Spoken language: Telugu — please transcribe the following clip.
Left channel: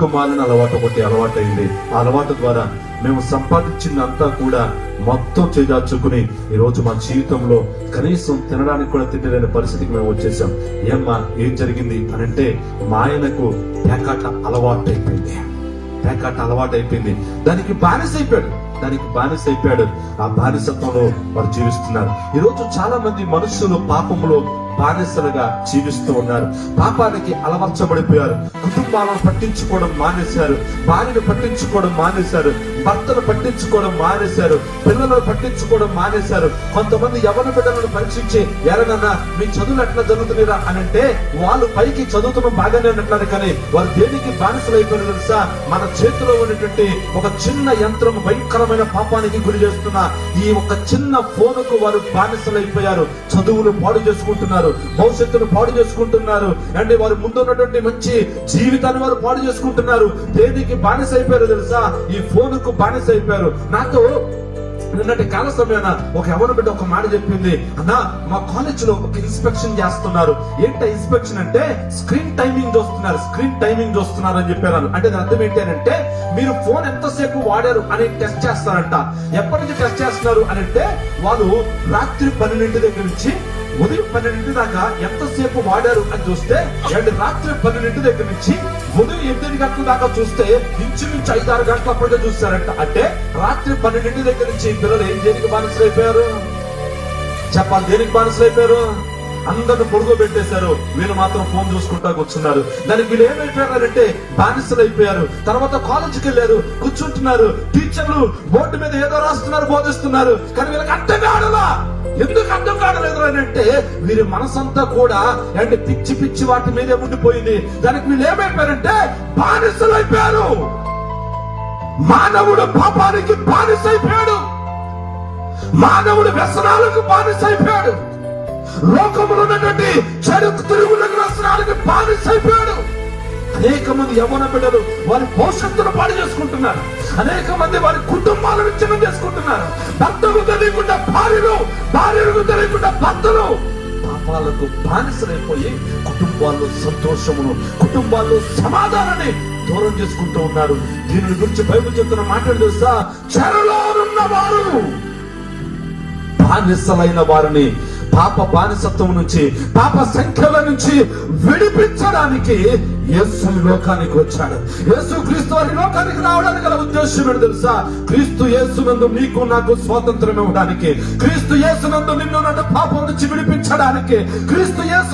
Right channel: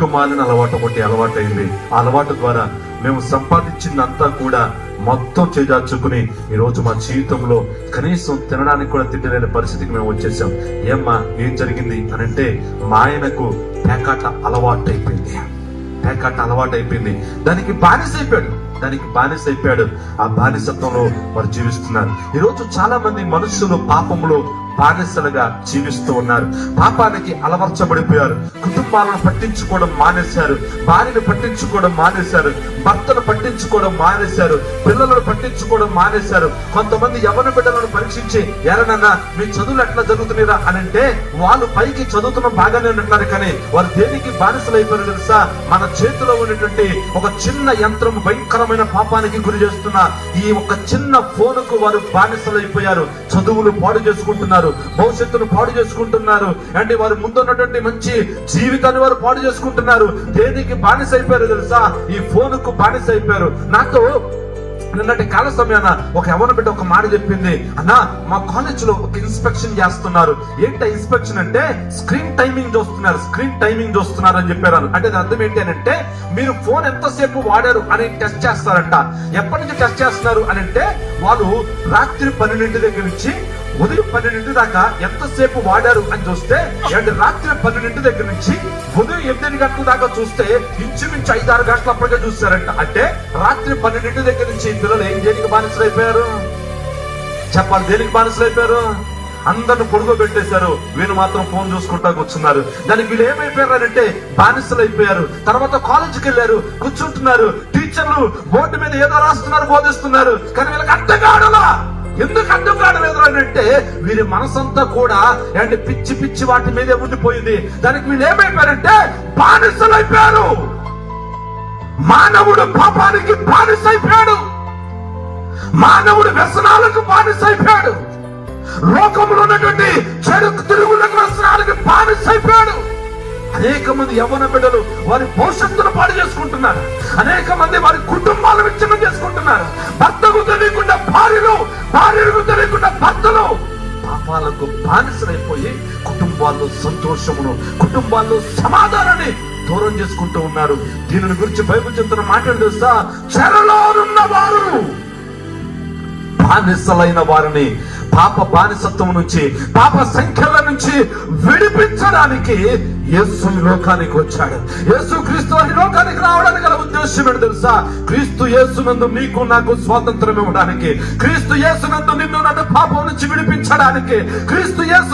దిక్కుమాలిన అలవాటు ఒకటి అలవాటైంది. ఆ అలవాటు ద్వారా మేము సంపాదించిందంతా కూడా మొత్తం చేజార్చుకుని ఈ రోజు మా జీవితంలో కనీసం తినడానికి కూడా తిండిలేని పరిస్థితికి మేము వచ్చేసాం. ఏమ్మా ఏం జరిగింది అని అంటే, మా ఆయనకు పేకాట అలవాటైపోయింది. దానికి బానిస అయిపోయాడు. ఆ బానిసత్వంలో వారు జీవిస్తున్నారు. ఈ రోజు చాలా మంది మనుషులు పాపంలో బానిసలుగా జీవిస్తూ ఉన్నారు. పాపానికి అలవర్చబడిపోయారు. కుటుంబాలను పట్టించుకోవడం మానేశారు, భార్యను పట్టించుకోవడం మానేశారు, భర్తను పట్టించుకోవడం మానేశారు, పిల్లలను పట్టించుకోవడం మానేశారు. కొంతమంది యవ్వన బిడ్డలను పరీక్షించి, ఎరనన్నా మీ చదువులు ఎట్లా జరుగుతున్నారా అని అంటే, వాళ్ళు పైకి చదువుతున్న బాగానే ఉంటున్నారు, కానీ వారు దేనికి బానిసలు అయిపోయారు తెలుసా? మన చేతిలో ఉన్నటువంటి ఒక చిన్న యంత్రం భయంకరమైన పాపానికి గురి చేస్తున్న ఈ ఒక చిన్న ఫోనుకు వారు బానిసలు అయిపోయారు. చదువులు పాడు చేసుకుంటున్నారు, భవిష్యత్తును పాడు చేసుకుంటున్నారు, అంటే వారు ముందున్నటువంటి మంచి జీవితాన్ని వారు పాడు చేసుకుంటున్నారు. దేనికి బానిస అయిపోయారు తెలుసా? ఈ ఫోనుకు బానిస అయిపోయారు. నాతో నిన్నటి కాల సమయాన ఒక యవ్వన బిడ్డ ఒక మాట చెప్పింది, అన్నా మా కాలేజ్ లో ఒక ఇన్స్పెక్షన్ చేస్తున్నారు. ఏంట ఇన్స్పెక్షన్ అంటే స్క్రీన్ టైమింగ్ చూస్తున్నారు అని చెప్పారు. అంటే దాని అర్థం ఏంటి అని అంటే, మీరు ఫోన్ ఎంతసేపు వాడారు అని టెస్ట్ చేస్తారంట. ఎప్పటి నుంచి టెస్ట్ చేస్తున్నారు అని అంటే, వాళ్ళు రాత్రి 12 దగ్గర నుంచి ఉదయం 12 దాకా ఎంతసేపు వాడారు అని చూస్తే, అండ్ రాత్రి 12 దగ్గర నుంచి ఉదయం 8 గంటల దాకా చూస్తే ఇంచుమించు 5-6 గంటలు అప్పటికే చూస్తారంట. అంటే రాత్రి 12 దగ్గర నుంచి పిల్లలు దేనికి బానిసలు అయిపోయారు చెప్పాలి? దేనికి బానిసలు అయిపోయారు? అందరిని పొడుగు పెట్టేశారు, వీళ్ళు మాత్రం ఫోన్ చూసుకుంటా కూర్చున్నారు. దానికి వీళ్ళు ఏమైపోయారంటే బానిసలు అయిపోయారు. తర్వాత కాలేజీకి వెళ్ళారు, కూర్చుంటున్నారు, టీచర్లు బోర్డు మీద ఏదో రాస్తున్నారు, బోధిస్తున్నారు, కానీ వీళ్ళకి అర్థం కావడలా. ఎందుకు అర్థం కావలేదు అని అంటే, వీరి మనసంతా కూడా అంటే పిచ్చి వాటి మీదే ఉండిపోయింది. దానికి వీళ్ళు ఏమైపోయారంటే బానిసలు అయిపోయారు. మానవుడు పాపానికి బానిస అయిపోయాడు, మానవుడు వ్యసనాలకు బానిస అయిపోయాడు, లోకంలో ఉన్నటువంటి చెడు తిరుగులకు వ్యసనాలకు బానిస అయిపోయాడు. అనేక మంది యవ్వన బిడ్డలు వారి భవిష్యత్తును పాడు చేసుకుంటున్నారు. అనేక మంది వారి కుటుంబాలను విచ్ఛిన్నం చేసుకుంటున్నారు. భర్తకు తెలియకుండా భార్యలకు తెలియకుండా భర్తలు పాపాలకు బానిసలైపోయి కుటుంబాల్లో సంతోషమును, కుటుంబాల్లో సమాధానాన్ని దూరం చేసుకుంటూ ఉన్నారు. దీని గురించి బైబిల్ చెప్తున్న మాటలు తెలుసా? చెరలోనున్న వారు, బానిసలైన వారిని పాప బానిసత్వం నుంచి, పాప సంఖ్యల నుంచి విడిపించడానికి యేసు ఈ లోకానికి వచ్చాడు. యేసు క్రీస్తు ఈ లోకానికి రావడానికి గల ఉద్దేశం ఏంటి తెలుసా? క్రీస్తు యేసునందు నీకు నాకు స్వాతంత్రం ఇవ్వడానికి, క్రీస్తు యేసునందు నిన్ను నన్ను పాపం నుంచి విడిపించడానికి, క్రీస్తు యేసు